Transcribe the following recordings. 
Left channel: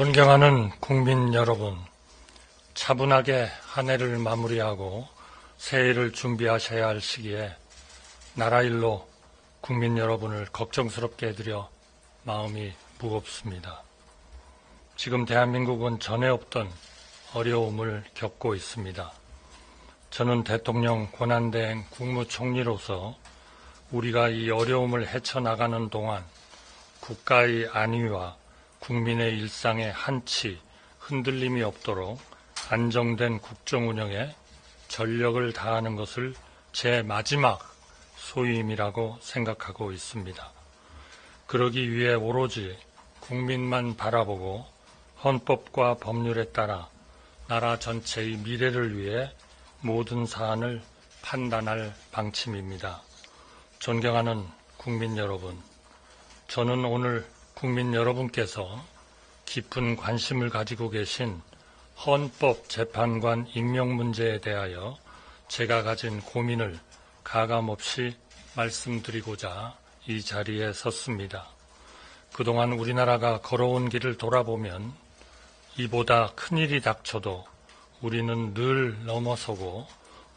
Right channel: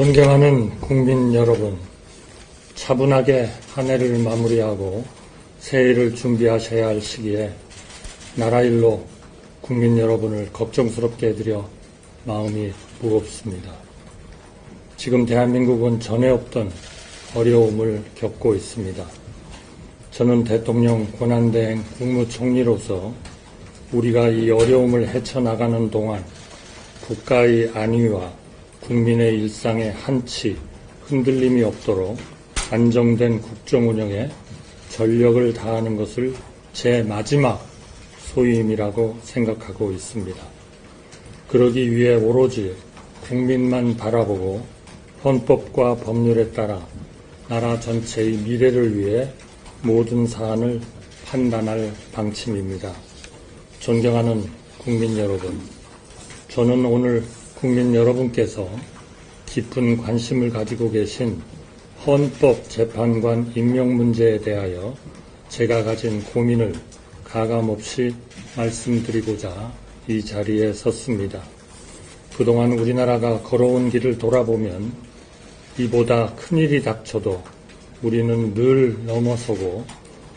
존경하는 국민 여러분, 차분하게 한 해를 마무리하고 새해를 준비하셔야 할 시기에 나라 일로 국민 여러분을 걱정스럽게 해드려 마음이 무겁습니다. 지금 대한민국은 전에 없던 어려움을 겪고 있습니다. 저는 대통령 권한대행 국무총리로서 우리가 이 어려움을 헤쳐나가는 동안 국가의 안위와 국민의 일상에 한치 흔들림이 없도록 안정된 국정 운영에 전력을 다하는 것을 제 마지막 소임이라고 생각하고 있습니다. 그러기 위해 오로지 국민만 바라보고 헌법과 법률에 따라 나라 전체의 미래를 위해 모든 사안을 판단할 방침입니다. 존경하는 국민 여러분, 저는 오늘 국민 여러분께서 깊은 관심을 가지고 계신 헌법재판관 임명 문제에 대하여 제가 가진 고민을 가감없이 말씀드리고자 이 자리에 섰습니다. 그동안 우리나라가 걸어온 길을 돌아보면 이보다 큰일이 닥쳐도 우리는 늘 넘어서고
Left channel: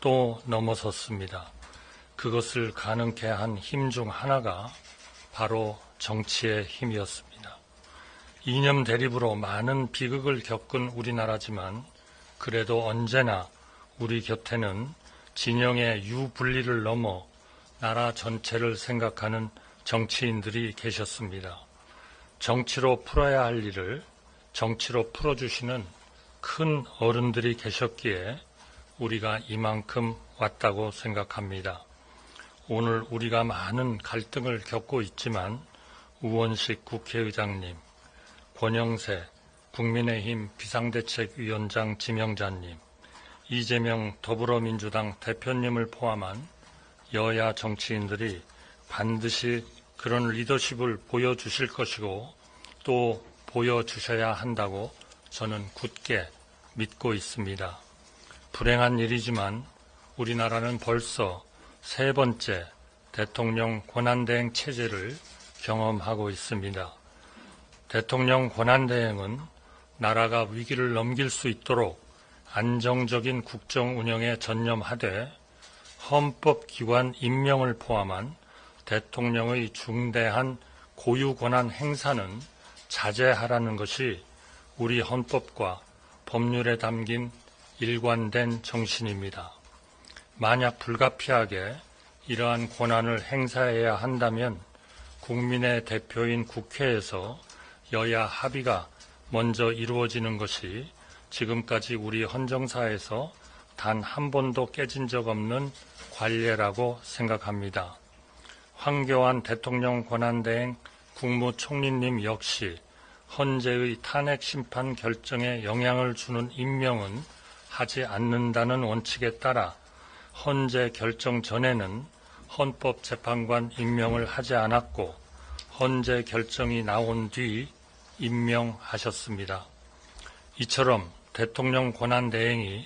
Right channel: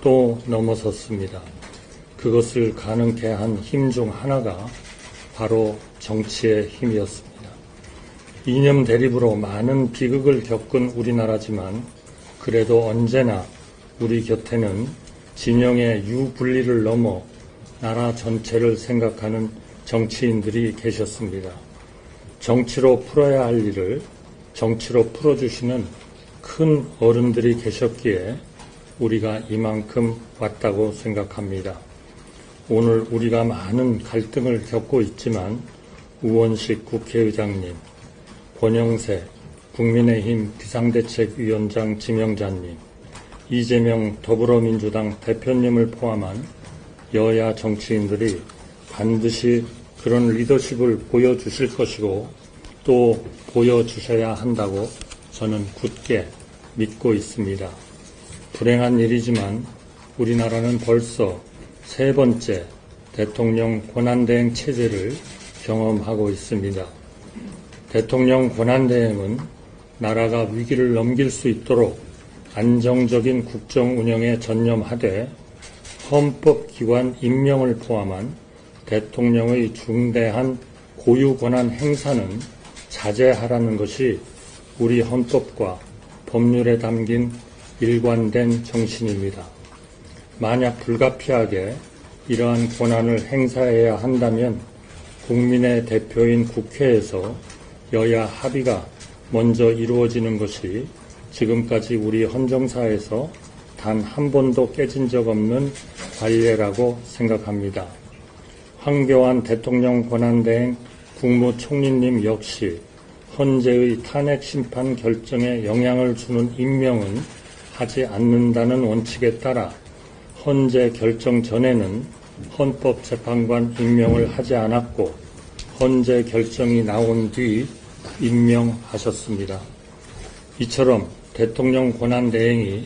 또 넘어섰습니다. 그것을 가능케 한 힘 중 하나가 바로 정치의 힘이었습니다. 이념 대립으로 많은 비극을 겪은 우리나라지만 그래도 언제나 우리 곁에는 진영의 유분리를 넘어 나라 전체를 생각하는 정치인들이 계셨습니다. 정치로 풀어야 할 일을 정치로 풀어주시는 큰 어른들이 계셨기에 우리가 이만큼 왔다고 생각합니다. 오늘 우리가 많은 갈등을 겪고 있지만 우원식 국회의장님, 권영세 국민의힘 비상대책위원장 지명자님, 이재명 더불어민주당 대표님을 포함한 여야 정치인들이 반드시 그런 리더십을 보여주실 것이고 또 보여주셔야 한다고 저는 굳게 믿고 있습니다. 불행한 일이지만 우리나라는 벌써 세 번째 대통령 권한대행 체제를 경험하고 있습니다. 대통령 권한대행은 나라가 위기를 넘길 수 있도록 안정적인 국정 운영에 전념하되 헌법기관 임명을 포함한 대통령의 중대한 고유 권한 행사는 자제하라는 것이 우리 헌법과 법률에 담긴 일관된 정신입니다. 만약 불가피하게 이러한 권한을 행사해야 한다면 국민의 대표인 국회에서 여야 합의가 먼저 이루어지는 것이 지금까지 우리 헌정사에서 단 한 번도 깨진 적 없는 관례라고 생각합니다. 황교안 대통령 권한대행 국무총리님 역시 헌재의 탄핵심판 결정에 영향을 주는 임명은 하지 않는다는 원칙에 따라 헌재 결정 전에는 헌법재판관 임명을 하지 않았고 헌재 결정이 나온 뒤 임명하셨습니다. 이처럼 대통령 권한대행이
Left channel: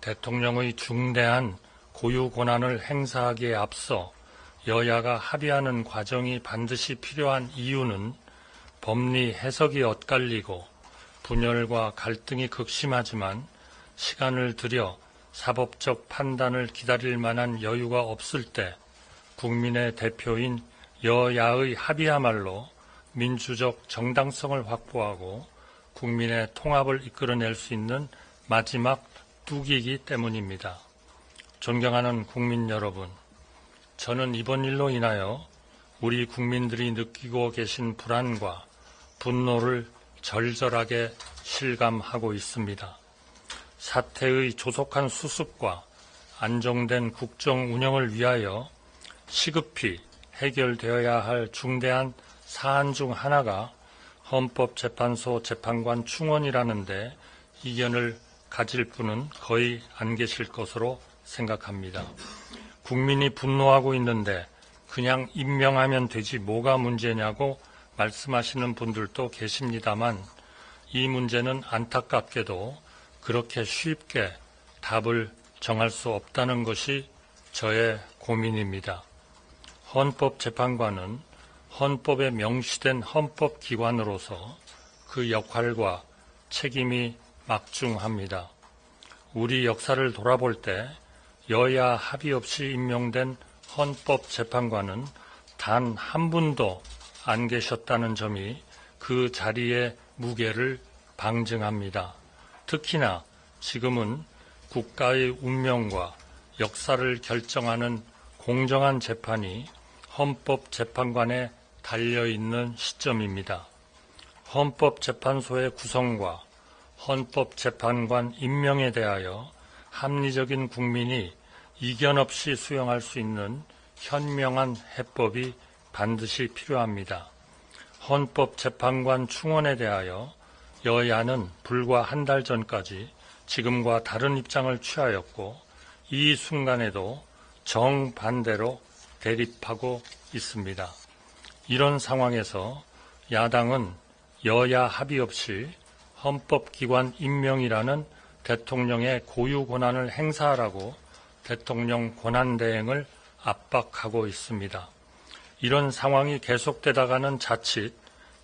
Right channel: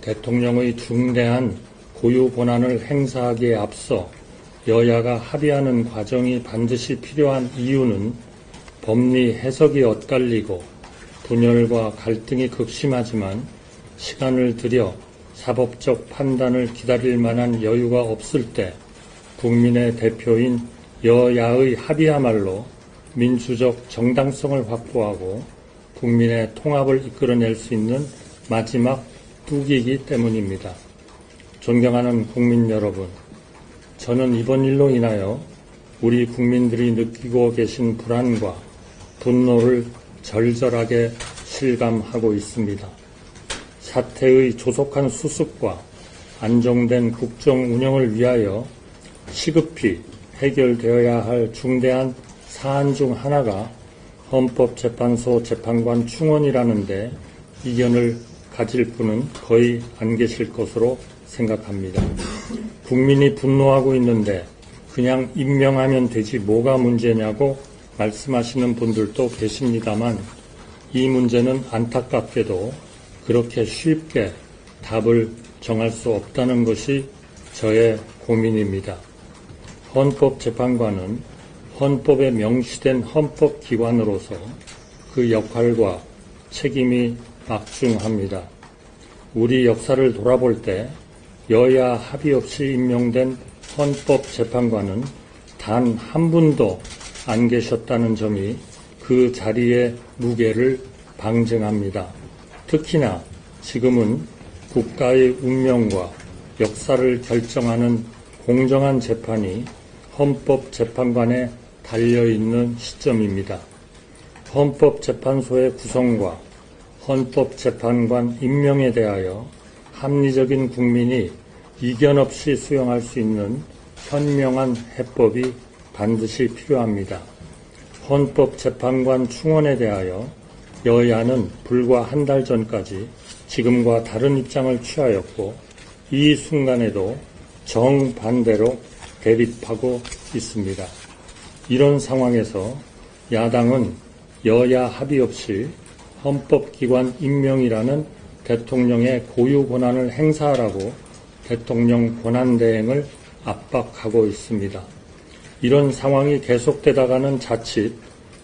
대통령의 중대한 고유 권한을 행사하기에 앞서 여야가 합의하는 과정이 반드시 필요한 이유는 법리 해석이 엇갈리고 분열과 갈등이 극심하지만 시간을 들여 사법적 판단을 기다릴 만한 여유가 없을 때 국민의 대표인 여야의 합의야말로 민주적 정당성을 확보하고 국민의 통합을 이끌어낼 수 있는 마지막 뚜기이기 때문입니다. 존경하는 국민 여러분, 저는 이번 일로 인하여 우리 국민들이 느끼고 계신 불안과 분노를 절절하게 실감하고 있습니다. 사태의 조속한 수습과 안정된 국정 운영을 위하여 시급히 해결되어야 할 중대한 사안 중 하나가 헌법재판소 재판관 충원이라는데 이견을 가질 분은 거의 안 계실 것으로 생각합니다. 국민이 분노하고 있는데 그냥 임명하면 되지 뭐가 문제냐고 말씀하시는 분들도 계십니다만 이 문제는 안타깝게도 그렇게 쉽게 답을 정할 수 없다는 것이 저의 고민입니다. 헌법재판관은 헌법에 명시된 헌법기관으로서 그 역할과 책임이 막중합니다. 우리 역사를 돌아볼 때 여야 합의 없이 임명된 헌법재판관은 단 한 분도 안 계셨다는 점이 그 자리의 무게를 방증합니다. 특히나 지금은 국가의 운명과 역사를 결정하는 공정한 재판이 헌법재판관에 달려있는 시점입니다. 헌법재판소의 구성과 헌법재판관 임명에 대하여 합리적인 국민이 이견 없이 수용할 수 있는 현명한 해법이 반드시 필요합니다. 헌법재판관 충원에 대하여 여야는 불과 한 달 전까지 지금과 다른 입장을 취하였고 이 순간에도 정반대로 대립하고 있습니다. 이런 상황에서 야당은 여야 합의 없이 헌법기관 임명이라는 대통령의 고유 권한을 행사하라고 대통령 권한대행을 압박하고 있습니다. 이런 상황이 계속되다가는 자칫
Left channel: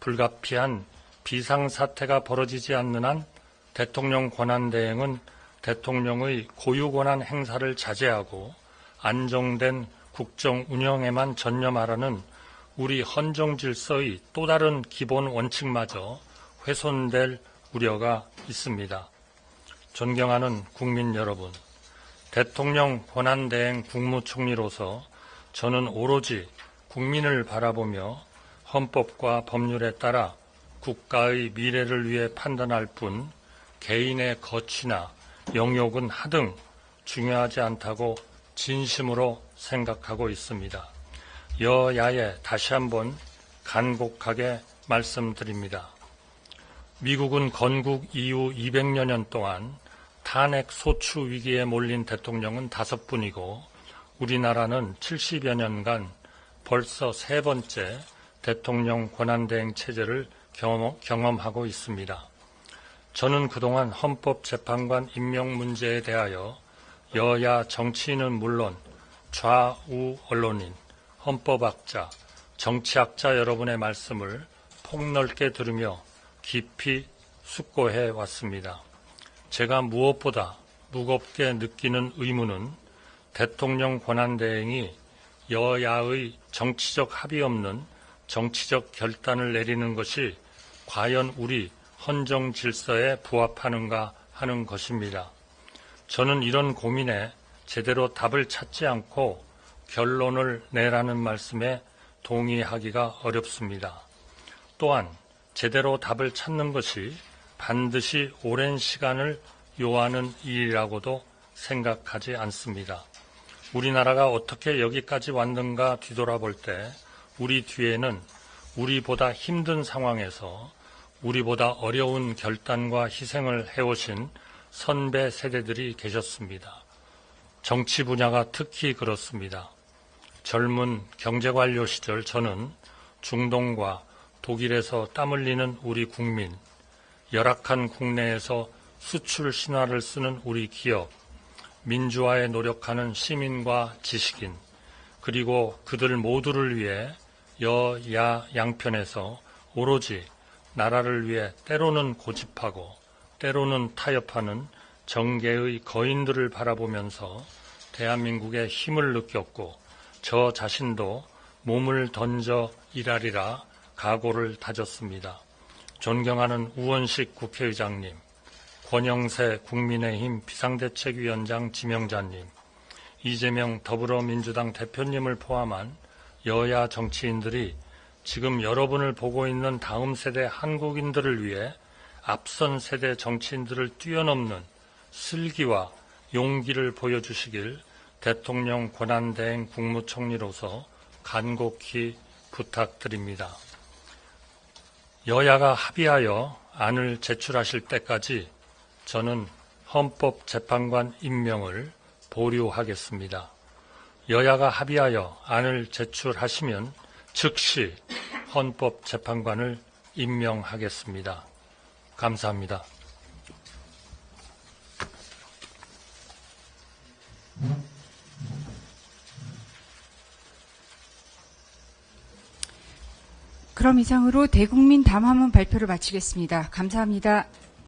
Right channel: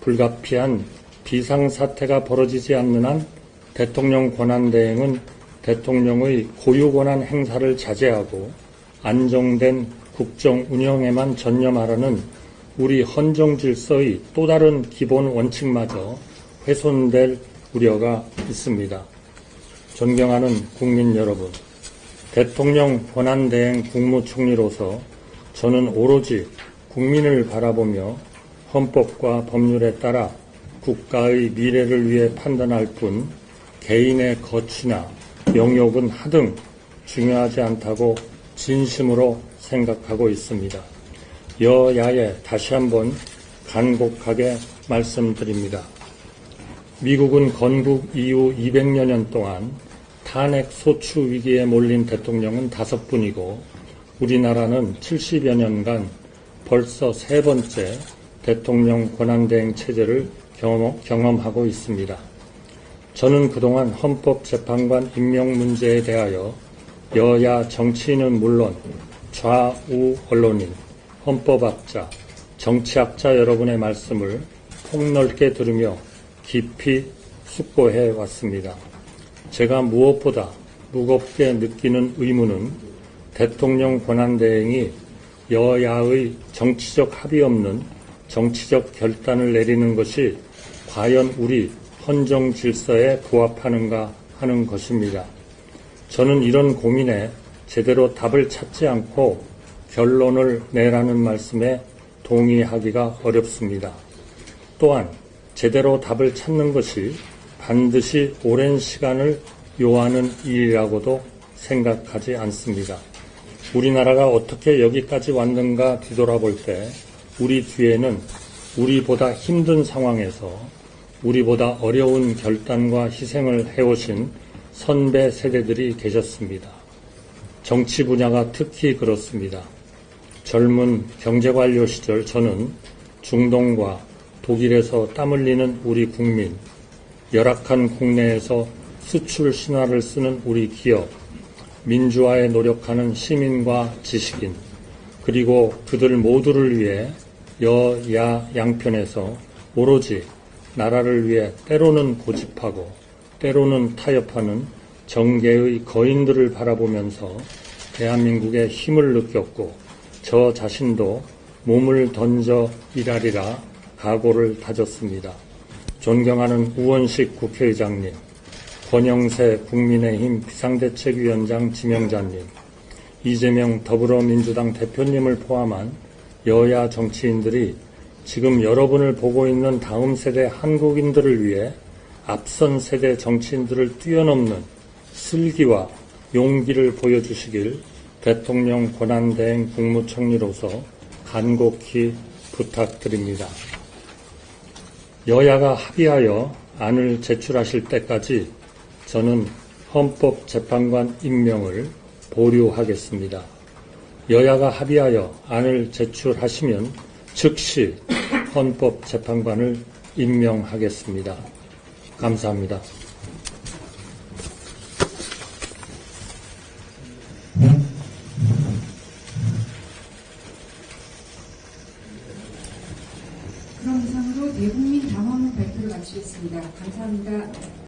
불가피한 비상사태가 벌어지지 않는 한 대통령 권한대행은 대통령의 고유 권한 행사를 자제하고 안정된 국정 운영에만 전념하라는 우리 헌정 질서의 또 다른 기본 원칙마저 훼손될 우려가 있습니다. 존경하는 국민 여러분, 대통령 권한대행 국무총리로서 저는 오로지 국민을 바라보며 헌법과 법률에 따라 국가의 미래를 위해 판단할 뿐 개인의 거취나 영역은 하등 중요하지 않다고 진심으로 생각하고 있습니다. 여야에 다시 한번 간곡하게 말씀드립니다. 미국은 건국 이후 200여 년 동안 탄핵 소추 위기에 몰린 대통령은 5분이고 우리나라는 70여 년간 벌써 3번째 대통령 권한대행 체제를 경험하고 있습니다. 저는 그동안 헌법재판관 임명 문제에 대하여 여야 정치인은 물론 좌우 언론인, 헌법학자, 정치학자 여러분의 말씀을 폭넓게 들으며 깊이 숙고해 왔습니다. 제가 무엇보다 무겁게 느끼는 의무는 대통령 권한대행이 여야의 정치적 합의 없는 정치적 결단을 내리는 것이 과연 우리 헌정 질서에 부합하는가 하는 것입니다. 저는 이런 고민에 제대로 답을 찾지 않고 결론을 내라는 말씀에 동의하기가 어렵습니다. 또한 제대로 답을 찾는 것이 반드시 오랜 시간을 요하는 일이라고도 생각하지 않습니다. 우리나라가 어떻게 여기까지 왔는가 뒤돌아볼 때 우리 뒤에는 우리보다 힘든 상황에서 우리보다 어려운 결단과 희생을 해오신 선배 세대들이 계셨습니다. 정치 분야가 특히 그렇습니다. 젊은 경제관료 시절 저는 중동과 독일에서 땀 흘리는 우리 국민, 열악한 국내에서 수출 신화를 쓰는 우리 기업, 민주화에 노력하는 시민과 지식인, 그리고 그들 모두를 위해 여야 양편에서 오로지 나라를 위해 때로는 고집하고 때로는 타협하는 정계의 거인들을 바라보면서 대한민국의 힘을 느꼈고 저 자신도 몸을 던져 일하리라 각오를 다졌습니다. 존경하는 우원식 국회의장님, 권영세 국민의힘 비상대책위원장 지명자님, 이재명 더불어민주당 대표님을 포함한 여야 정치인들이 지금 여러분을 보고 있는 다음 세대 한국인들을 위해 앞선 세대 정치인들을 뛰어넘는 슬기와 용기를 보여주시길 대통령 권한대행 국무총리로서 간곡히 부탁드립니다. 여야가 합의하여 안을 제출하실 때까지 저는 헌법재판관 임명을 보류하겠습니다. 여야가 합의하여 안을 제출하시면 즉시 헌법재판관을 임명하겠습니다. 감사합니다. 그럼 이상으로 대국민 담화문 발표를 마치겠습니다. 감사합니다.